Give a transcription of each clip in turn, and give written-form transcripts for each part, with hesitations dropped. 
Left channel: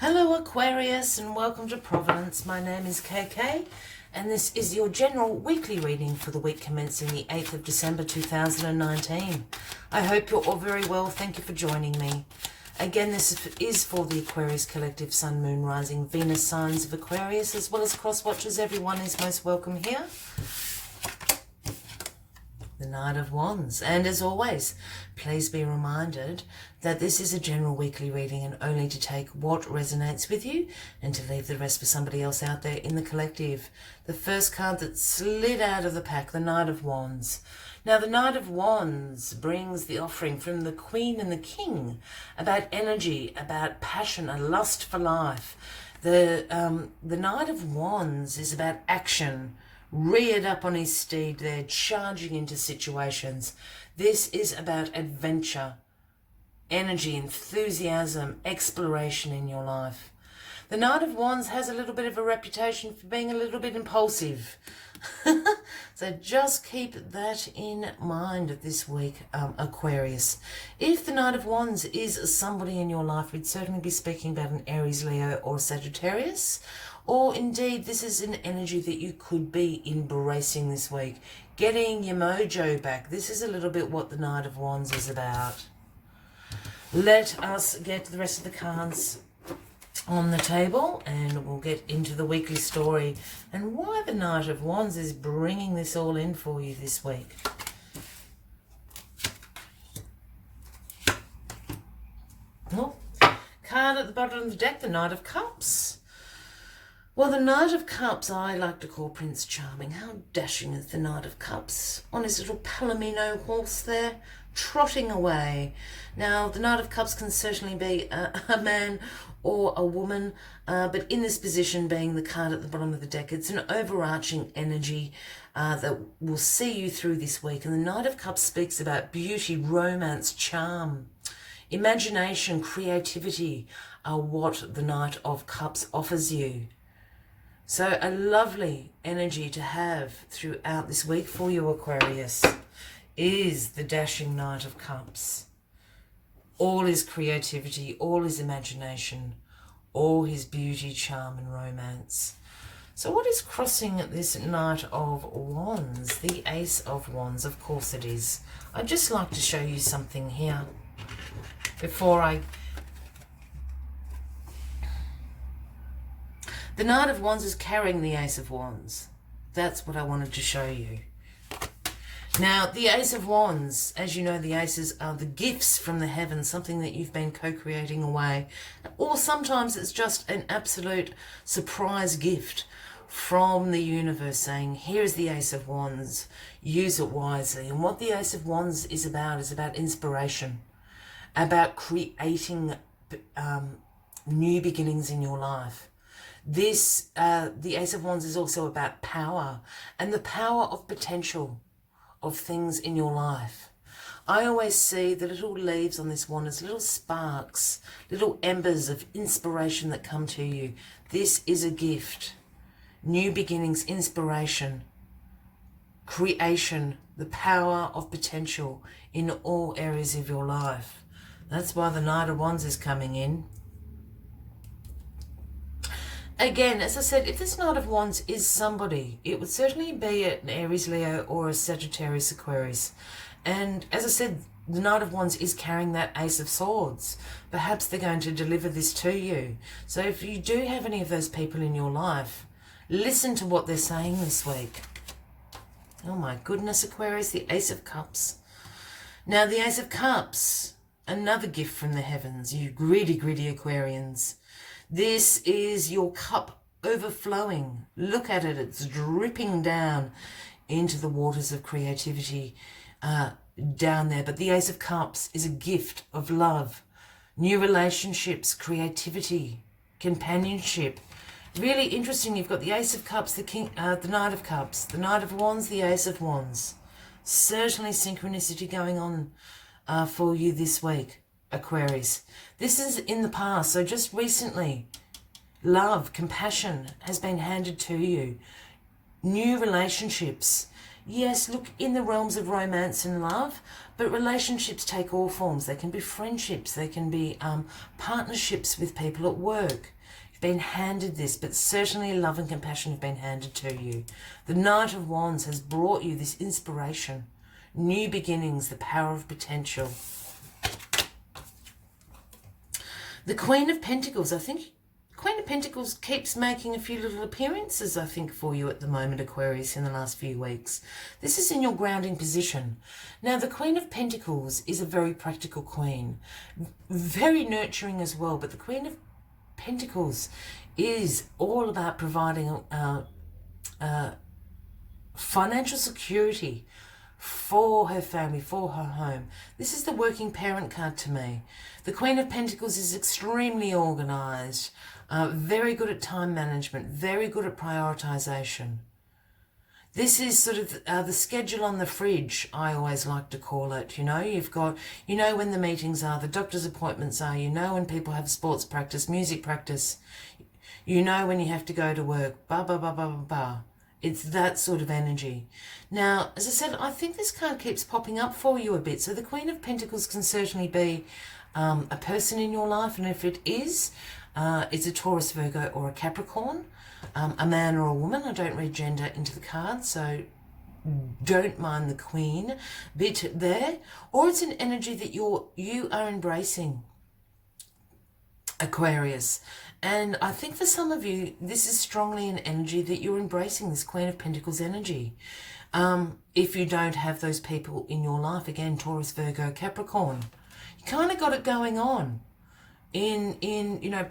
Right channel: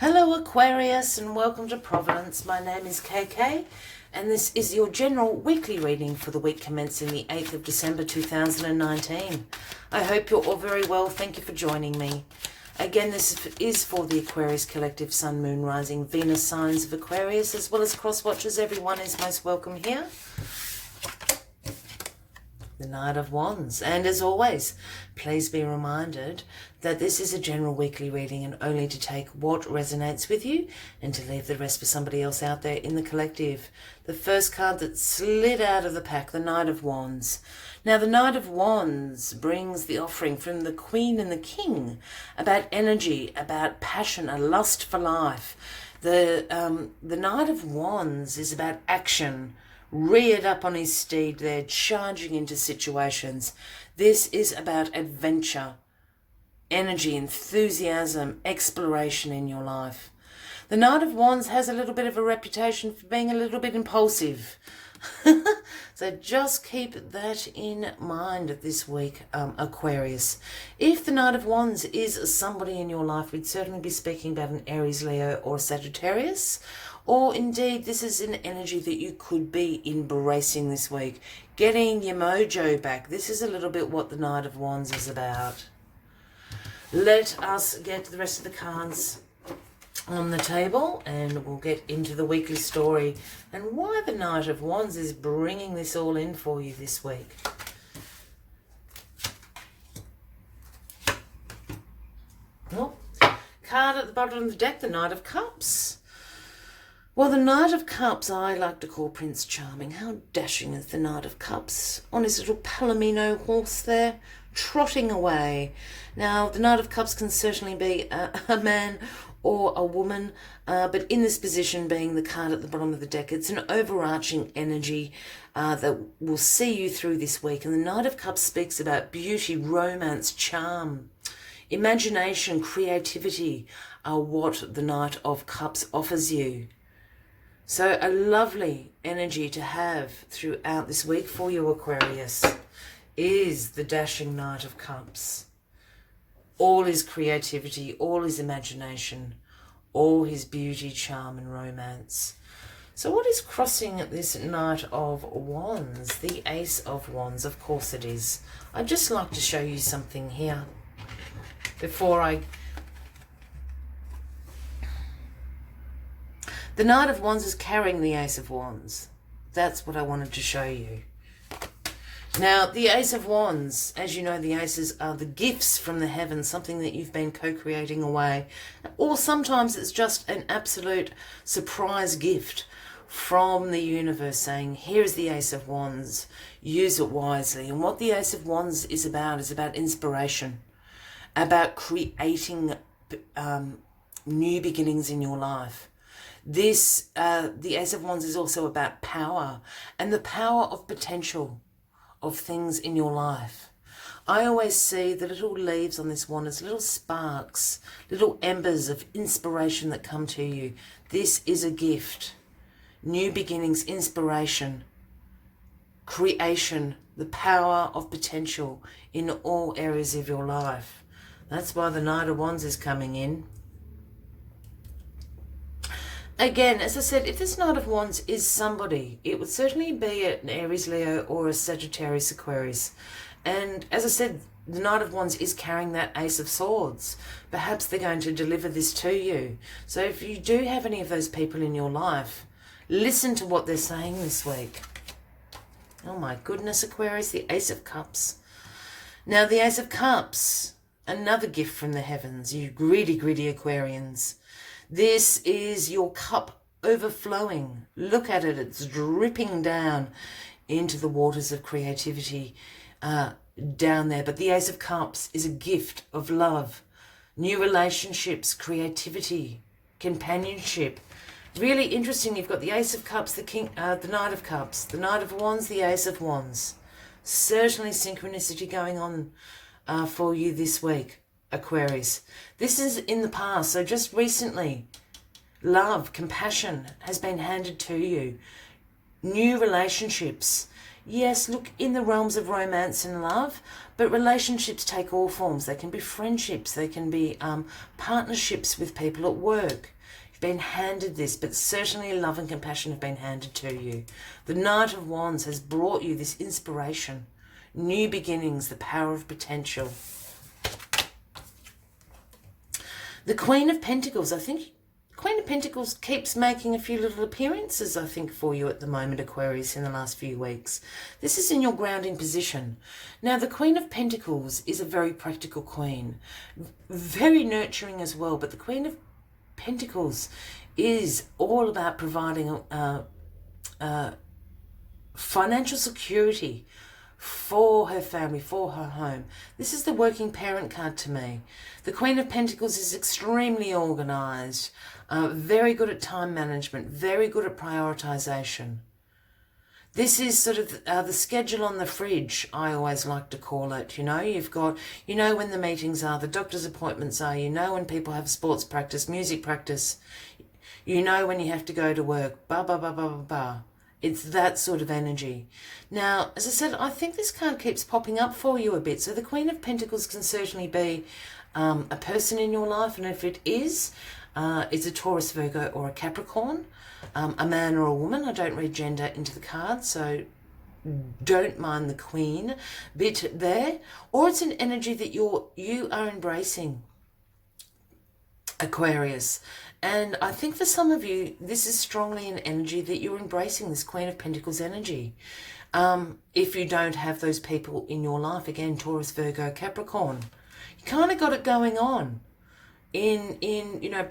Hello Aquarius and welcome to Providence. My name is KK and this is your general weekly reading for the week commencing the 8th of December 2019. I hope you're all very well. Thank you for joining me. Again, this is for the Aquarius Collective Sun, Moon, Rising, Venus signs of Aquarius, as well as cross-watchers. Everyone is most welcome here. The Knight of Wands. And as always, please be reminded that this is a general weekly reading and only to take what resonates with you and to leave the rest for somebody else out there in the collective. The first card that slid out of the pack, the Knight of Wands. Now, the Knight of Wands brings the offering from the Queen and the King about energy, about passion, a lust for life. The Knight of Wands is about action, reared up on his steed there, charging into situations. This is about adventure, energy, enthusiasm, exploration in your life. The Knight of Wands has a little bit of a reputation for being a little bit impulsive. So just keep that in mind this week, Aquarius. If the Knight of Wands is somebody in your life, we'd certainly be speaking about an Aries, Leo or Sagittarius. Or indeed, this is an energy that you could be embracing this week. Getting your mojo back. This is a little bit what the Knight of Wands is about. Let us get the rest of the cards on the table and we'll get into the weekly story and why the Knight of Wands is bringing this all in for you this week. Well, card at the bottom of the deck, the Knight of Cups. Well, the Knight of Cups, I like to call Prince Charming. How dashing is the Knight of Cups on his little Palomino horse there, trotting away. Now, the Knight of Cups can certainly be a man or a woman, but in this position, being the card at the bottom of the deck, it's an overarching energy that will see you through this week. And the Knight of Cups speaks about beauty, romance, charm, imagination, creativity are what the Knight of Cups offers you. So a lovely energy to have throughout this week for you, Aquarius, is the dashing Knight of Cups. All his creativity, all his imagination, all his beauty, charm and romance. So what is crossing this Knight of Wands? The Ace of Wands, of course it is. I'd just like to show you something here before I... The Knight of Wands is carrying the Ace of Wands. That's what I wanted to show you. Now, the Ace of Wands, as you know, the aces are the gifts from the heavens, something that you've been co-creating away. Or sometimes it's just an absolute surprise gift from the universe saying, here's the Ace of Wands, use it wisely. And what the Ace of Wands is about inspiration, about creating new beginnings in your life. This, the Ace of Wands is also about power and the power of potential of things in your life. I always see the little leaves on this wand as little sparks, little embers of inspiration that come to you. This is a gift. New beginnings, inspiration, creation, the power of potential in all areas of your life. That's why the Knight of Wands is coming in. Again, as I said, if this Knight of Wands is somebody, it would certainly be an Aries, Leo or a Sagittarius, Aquarius. And as I said, the Knight of Wands is carrying that Ace of Swords. Perhaps they're going to deliver this to you. So if you do have any of those people in your life, listen to what they're saying this week. Oh my goodness, Aquarius, the Ace of Cups. Now the Ace of Cups, another gift from the heavens, you greedy, greedy Aquarians. This is your cup overflowing. Look at it. It's dripping down into the waters of creativity down there. But the Ace of Cups is a gift of love, new relationships, creativity, companionship. Really interesting. You've got the Ace of Cups, the Knight of Cups, the Knight of Wands, the Ace of Wands. Certainly synchronicity going on for you this week, Aquarius. This is in the past, so just recently, love, compassion has been handed to you. New relationships. Yes, look, in the realms of romance and love, but relationships take all forms. They can be friendships, they can be partnerships with people at work. You've been handed this, but certainly love and compassion have been handed to you. The Knight of Wands has brought you this inspiration, new beginnings, the power of potential. The Queen of Pentacles, I think Queen of Pentacles keeps making a few little appearances, I think, for you at the moment, Aquarius, in the last few weeks. This is in your grounding position. Now, the Queen of Pentacles is a very practical queen, very nurturing as well, but the Queen of Pentacles is all about providing financial security for her family, for her home. This is the working parent card to me. The Queen of Pentacles is extremely organised, very good at time management, very good at prioritisation. This is sort of the schedule on the fridge, I always like to call it. You know, you've got, you know when the meetings are, the doctor's appointments are, you know when people have sports practice, music practice, you know when you have to go to work, blah, blah, blah, blah, blah, blah. It's that sort of energy. Now, as I said, I think this card keeps popping up for you a bit. So the Queen of Pentacles can certainly be a person in your life. And if it is, it's a Taurus, Virgo or a Capricorn, a man or a woman. I don't read gender into the card, so don't mind the Queen bit there. Or it's an energy that you are embracing, Aquarius. And I think for some of you, this is strongly an energy that you're embracing, this Queen of Pentacles energy. If you don't have those people in your life, again, Taurus, Virgo, Capricorn, you kind of got it going on in you know,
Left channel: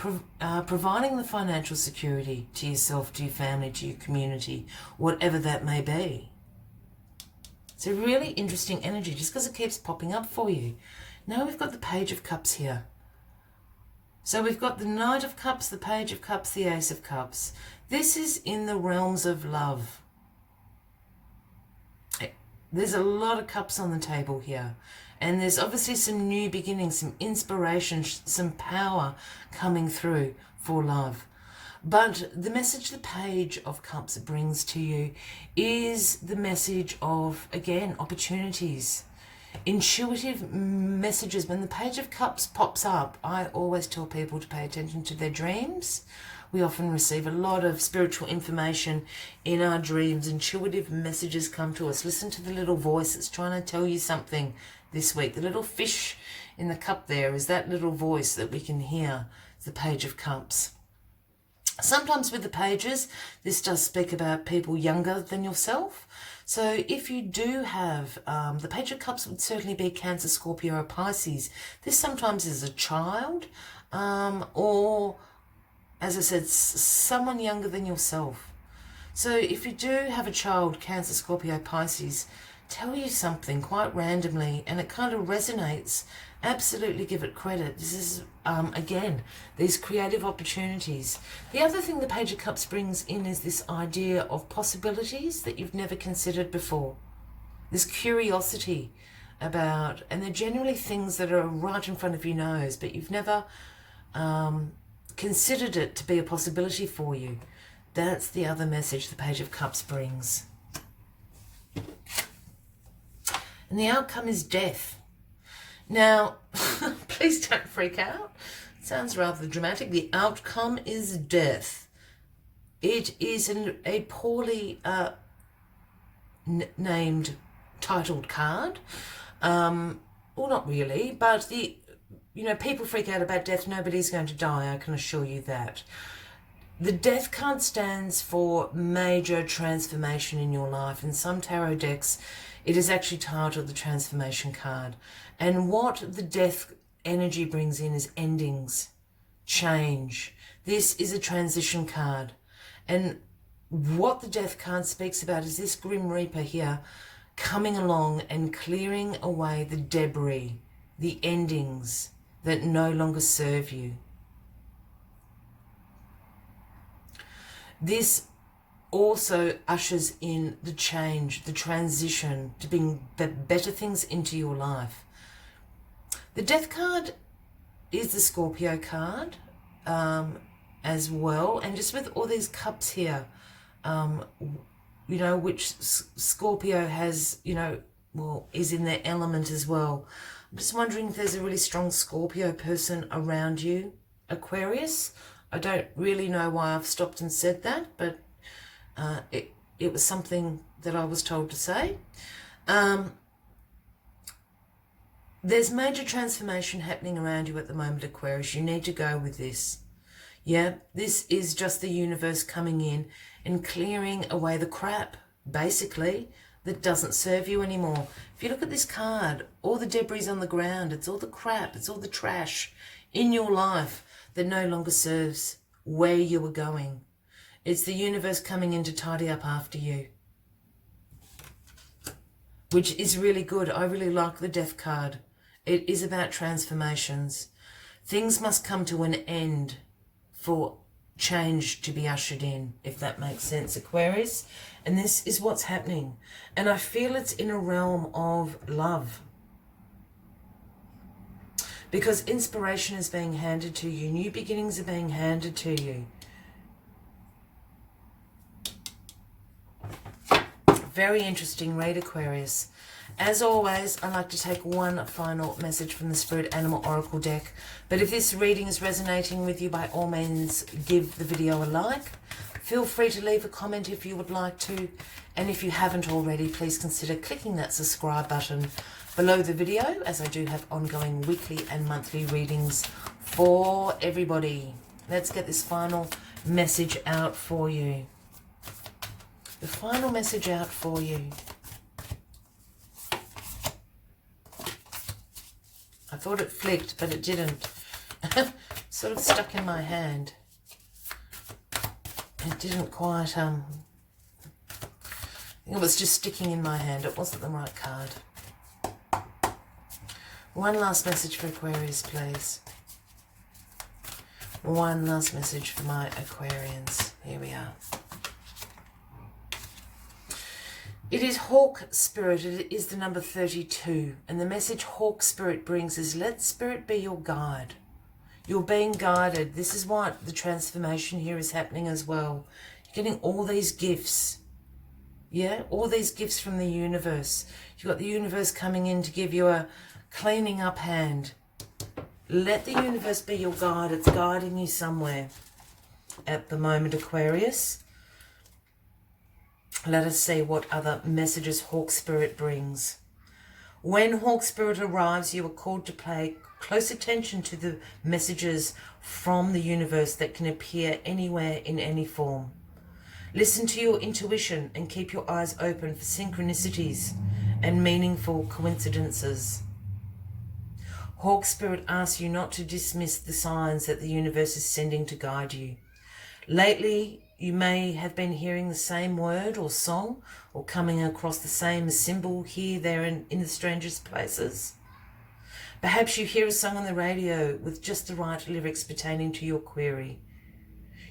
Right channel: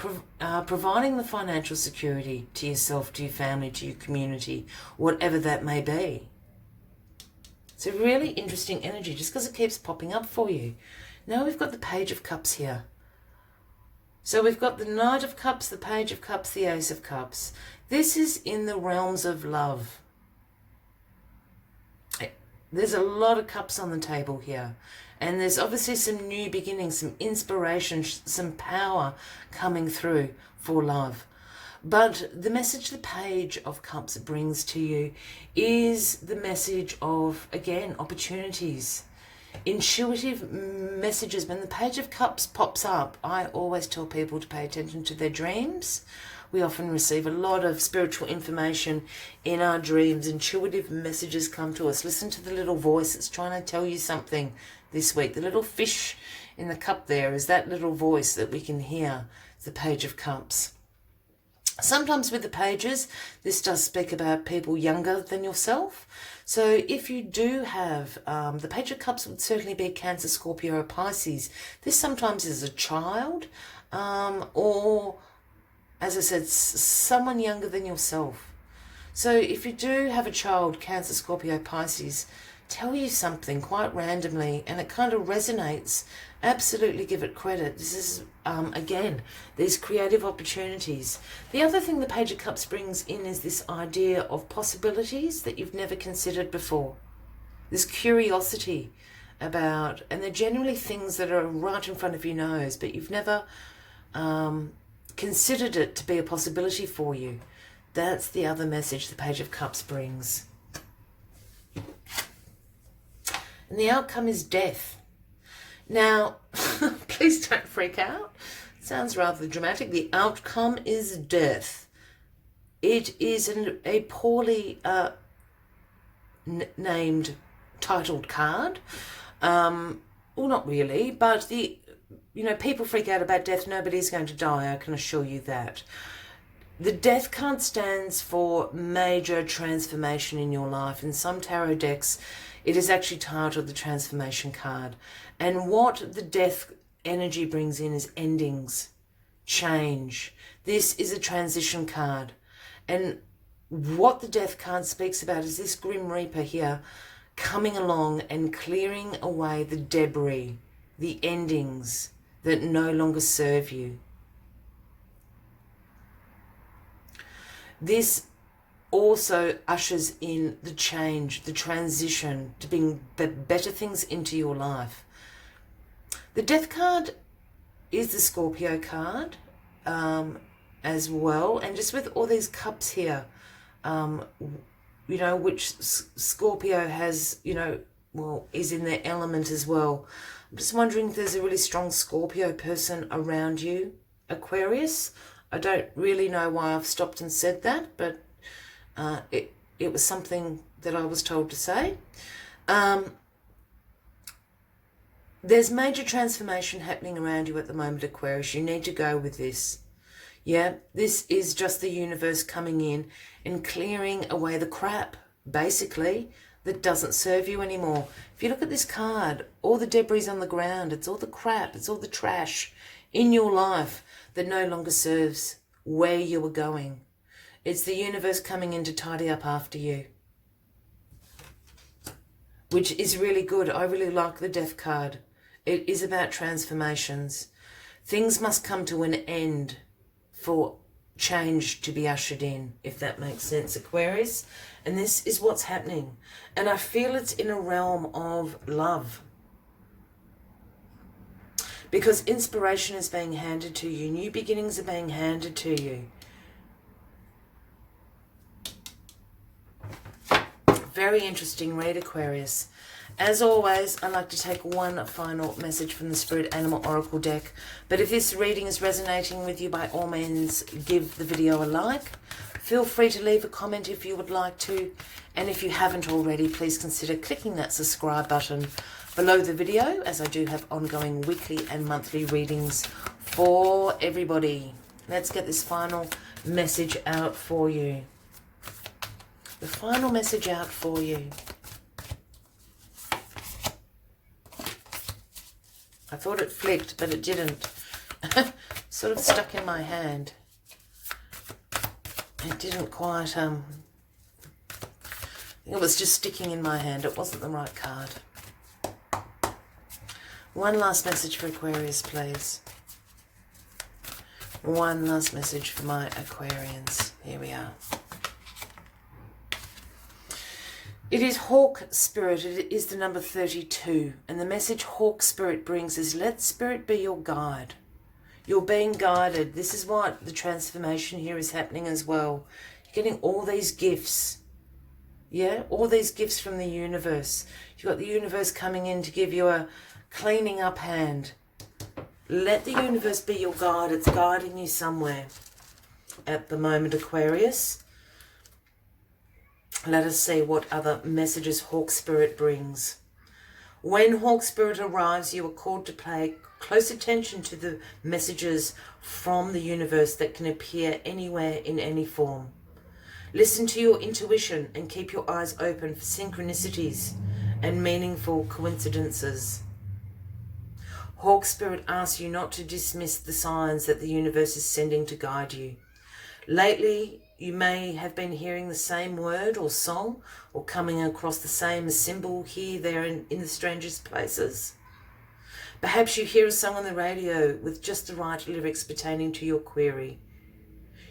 providing the financial security to yourself, to your family, to your community, whatever that may be. It's a really interesting energy just because it keeps popping up for you. Now we've got the Page of Cups here. So we've got the Knight of Cups, the Page of Cups, the Ace of Cups. This is in the realms of love. There's a lot of cups on the table here. And there's obviously some new beginnings, some inspiration, some power coming through for love. But the message the Page of Cups brings to you is the message of, again, opportunities. Intuitive messages. When the Page of Cups pops up, I always tell people to pay attention to their dreams. We often receive a lot of spiritual information in our dreams. Intuitive messages come to us. Listen to the little voice that's trying to tell you something this week. The little fish in the cup there is that little voice that we can hear, the Page of Cups. Sometimes with the pages, this does speak about people younger than yourself. So if you do have, the Page of Cups would certainly be Cancer, Scorpio, or Pisces. This sometimes is a child, or, as I said, someone younger than yourself. So if you do have a child, Cancer, Scorpio, Pisces, tell you something quite randomly and it kind of resonates, absolutely give it credit. This is, again, these creative opportunities. The other thing the Page of Cups brings in is this idea of possibilities that you've never considered before. This curiosity about, and they're generally things that are right in front of your nose, but you've never considered it to be a possibility for you. That's the other message the Page of Cups brings. And the outcome is death. Now, please don't freak out. It sounds rather dramatic. The outcome is death. It is a poorly named, titled card. Well, not really, but people freak out about death. Nobody's going to die, I can assure you that. The death card stands for major transformation in your life. In some tarot decks, it is actually titled the Transformation card. And what the death energy brings in is endings, change. This is a transition card. And what the death card speaks about is this Grim Reaper here coming along and clearing away the debris, the endings that no longer serve you. This also ushers in the change, the transition to bring better things into your life. The Death card is the Scorpio card as well, and just with all these cups here, you know, which Scorpio has, you know, well, is in their element as well. I'm just wondering if there's a really strong Scorpio person around you, Aquarius. I don't really know why I've stopped and said that, but it was something that I was told to say. There's major transformation happening around you at the moment, Aquarius. You need to go with this. Yeah, this is just the universe coming in and clearing away the crap, basically, that doesn't serve you anymore. If you look at this card, all the debris on the ground, it's all the crap, it's all the trash in your life that no longer serves where you were going. It's the universe coming in to tidy up after you, which is really good. I really like the Death card. It is about transformations. Things must come to an end for change to be ushered in, if that makes sense, Aquarius. And this is what's happening. And I feel it's in a realm of love, because inspiration is being handed to you. New beginnings are being handed to you. Very interesting read, Aquarius. As always, I like to take one final message from the Spirit Animal Oracle deck. But if this reading is resonating with you, by all means, give the video a like. Feel free to leave a comment if you would like to. And if you haven't already, please consider clicking that subscribe button below the video, as I do have ongoing weekly and monthly readings for everybody. Let's get this final message out for you. The final message out for you. I thought it flicked, but it didn't. Sort of stuck in my hand. It didn't quite, I think it was just sticking in my hand. It wasn't the right card. One last message for Aquarius, please. One last message for my Aquarians. Here we are. It is Hawk Spirit. It is the number 32. And the message Hawk Spirit brings is, let Spirit be your guide. You're being guided. This is what the transformation here is happening as well. You're getting all these gifts. Yeah, all these gifts from the universe. You've got the universe coming in to give you a cleaning up hand. Let the universe be your guide. It's guiding you somewhere at the moment, Aquarius. Let us see what other messages Hawk Spirit brings. When Hawk Spirit arrives, you are called to pay close attention to the messages from the universe that can appear anywhere in any form. Listen to your intuition and keep your eyes open for synchronicities and meaningful coincidences. Hawk Spirit asks you not to dismiss the signs that the universe is sending to guide you. Lately, you may have been hearing the same word or song, or coming across the same symbol here, there, in the strangest places. Perhaps you hear a song on the radio with just the right lyrics pertaining to your query.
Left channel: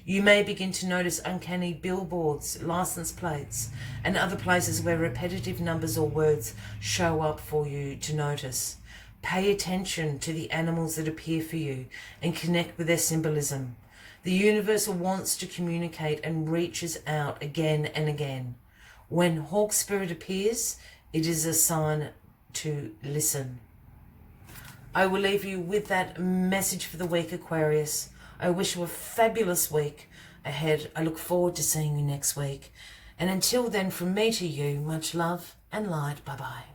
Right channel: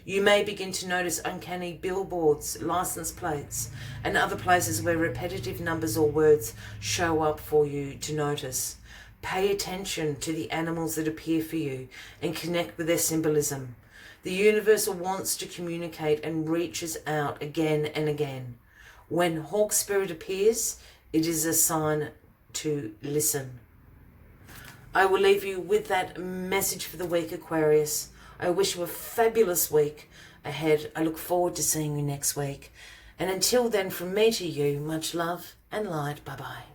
You may begin to notice uncanny billboards, license plates, and other places where repetitive numbers or words show up for you to notice. Pay attention to the animals that appear for you and connect with their symbolism. The universe wants to communicate and reaches out again and again. When Hawk Spirit appears, it is a sign to listen. I will leave you with that message for the week, Aquarius. I wish you a fabulous week ahead. I look forward to seeing you next week. And until then, from me to you, much love and light. Bye-bye.